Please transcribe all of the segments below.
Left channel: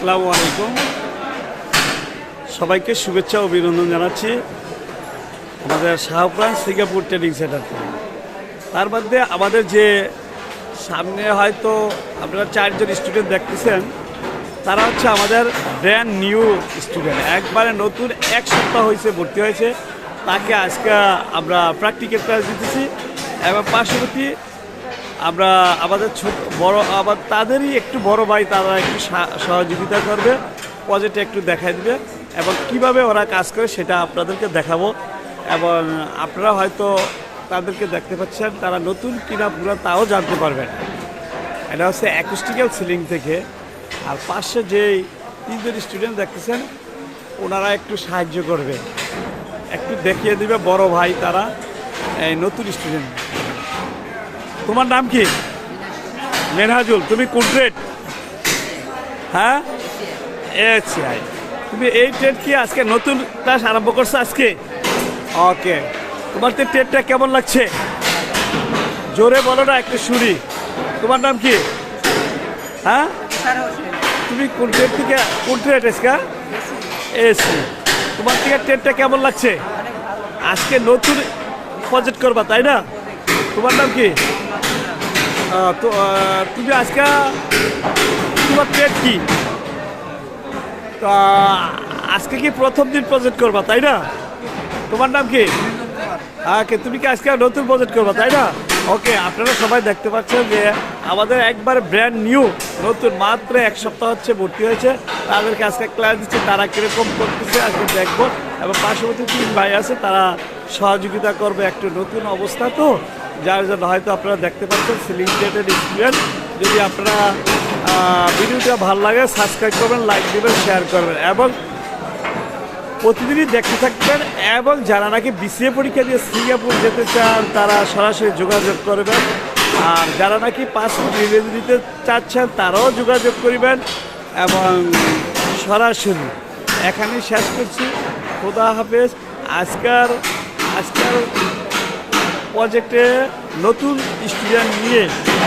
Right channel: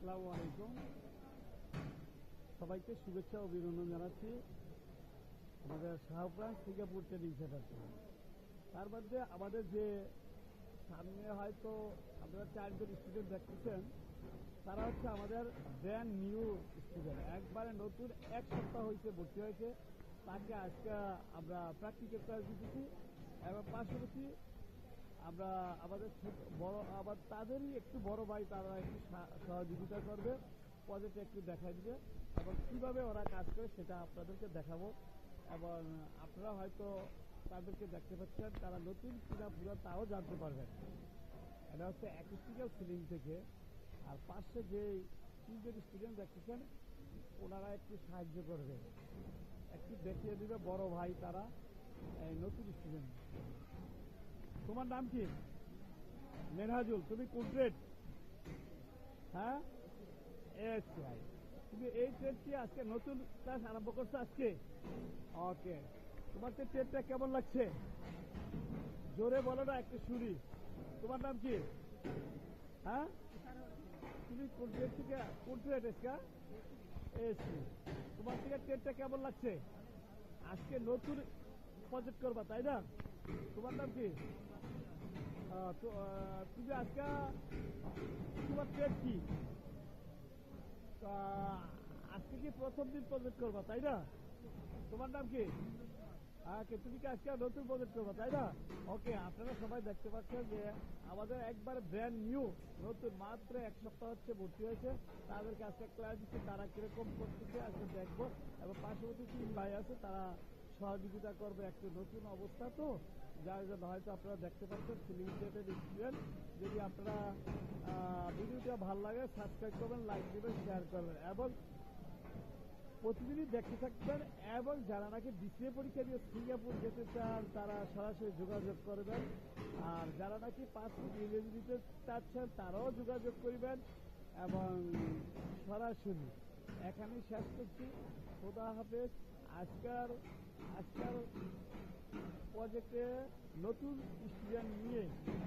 আসসালামু আলাইকুম। সবাইকে শুভেচ্ছা অভিনন্দন জানাচ্ছি আমাদের শাহপুরান সিঙ্গাপুর ট্রেনিং সেন্টার থেকে। তার মধ্যে আমাদের যে সামনে হয়তো আপনারা চারজন স্টুডেন্ট দেখতেছেন, তারা হচ্ছে আমাদের ব্র্যান্ড নিউ স্টুডেন্ট একবারে নতুন, এক সপ্তাহ হয়েছে, ভর্তি হয়েছে। তাকে আজকে আমরা প্র্যাকটিক্যাল ক্লাস দিতেছি এবং পার্শ্ববর্তী আমরা আমাদের ছোট বড়, আবার তাদেরই একটু বড় ভাই, তারা একটু সহযোগিতা করবে প্রজেক্টে একটু দেখাই দিবে, এবং কীভাবে ওরা কাজ করে সেটা আপনাদেরকে দেখাবো, এবং আপনারা হয়তো তাদেরকে দেখতে পাচ্ছেন, তারা নতুন কিনা পুরো তাও জানতে পারবেন। এটা হচ্ছে অ্যাকুস্টিক্যাল সিলিং থেকে, আর পাশে যেই তিনজন স্টুডেন্ট দেখতেছেন, ওনারা একটু সাহায্য করবে। একটু দেখিয়ে দিবে বড় ভাই তারা, এই নতুন স্টুডেন্ট তোমার নাম কি? মেনহাজুল তুমি কোন ট্রেড হ্যাঁ? আই তুমি এই ট্রেড কি আজকে নতুন ক্লাস আরম্ভ করছ আজকে? ওকে তোমার তো ট্রেডটা কেমন লাগছে? জোরে বলো না একটু শুনি। তোমার নাম কি? হ্যাঁ? তুমি কোন ট্রেড থেকে কোন ট্রেড এসকা এসি তোমার থেকে ট্রেডটা কেমন লাগছে? আজকে নতুন প্রজেক্ট করবা তাই না? তোমার নাম কি? তো তুমি আজকে, তোমার ট্রেড কি? তা আজকে কি প্রথম দিন প্রজেক্ট করবা, তাই না? তোমার নাম কি? ওকে তুমি কি আজকে নতুন প্রজেক্ট করবা, তাই না? ওকে আপনারা সবাই দেখতে পাচ্ছেন যে আমাদের একবার ব্র্যান্ড নিউ নতুন, মাত্র এক সপ্তাহ হচ্ছে ভর্তি হয়েছে। তাদেরকে আজকে ক্লাস দিচ্ছে, তারা কীরকম করতেছে, আজকে দেখব। এবং পার্শ্ববর্তী তিন ভাই আছে, তারা সহযোগিতা করবে একটু নতুন অবস্থা, তো যার জন্য হয়তো আপনারা দেখতে পাচ্ছেন সিলিং ডেটেড স্টুডেন্ট যদি আপনারা ভিডিওটা ভালো লাগে সাবস্ক্রাইব করবেন লাইক দেবেন শেয়ার করবেন। এবং প্রতিদিনই দেখতে থাকবেন এবং যারা নাকি বিসিএ পরীক্ষা দিয়ে সিঙ্গাপুর যেতে চান, তারা সরাসরি যোগাযোগ করবেন। আর যারা নাকি পাসপোর্ট রিলিজ দিতে চাচ্ছেন, তারাও যোগাযোগ করবেন। এবং সরাসরি এখানেই শেষ করছি। খোদা হাফেজ। আজকার আজকাল প্রজেক্টে নতুন স্টুডেন্ট নিয়ে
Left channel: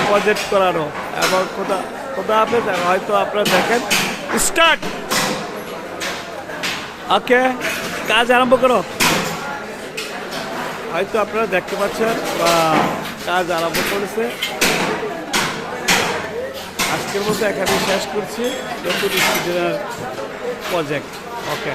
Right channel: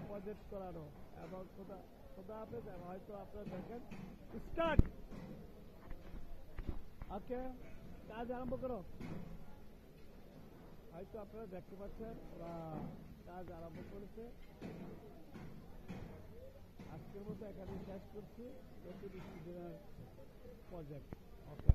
প্রজেক্ট করানো। এবং খোদা খোদা হাফেজ হয়তো আপনারা দেখেন স্টার্ট ওকে, কাজ আরম্ভ করো। হয়তো আপনারা দেখতে পাচ্ছেন, বা কাজ আরম্ভ করেছে। আজকের মতো এখানে শেষ করছি। নতুন স্টুডেন্টের প্রজেক্ট ওকে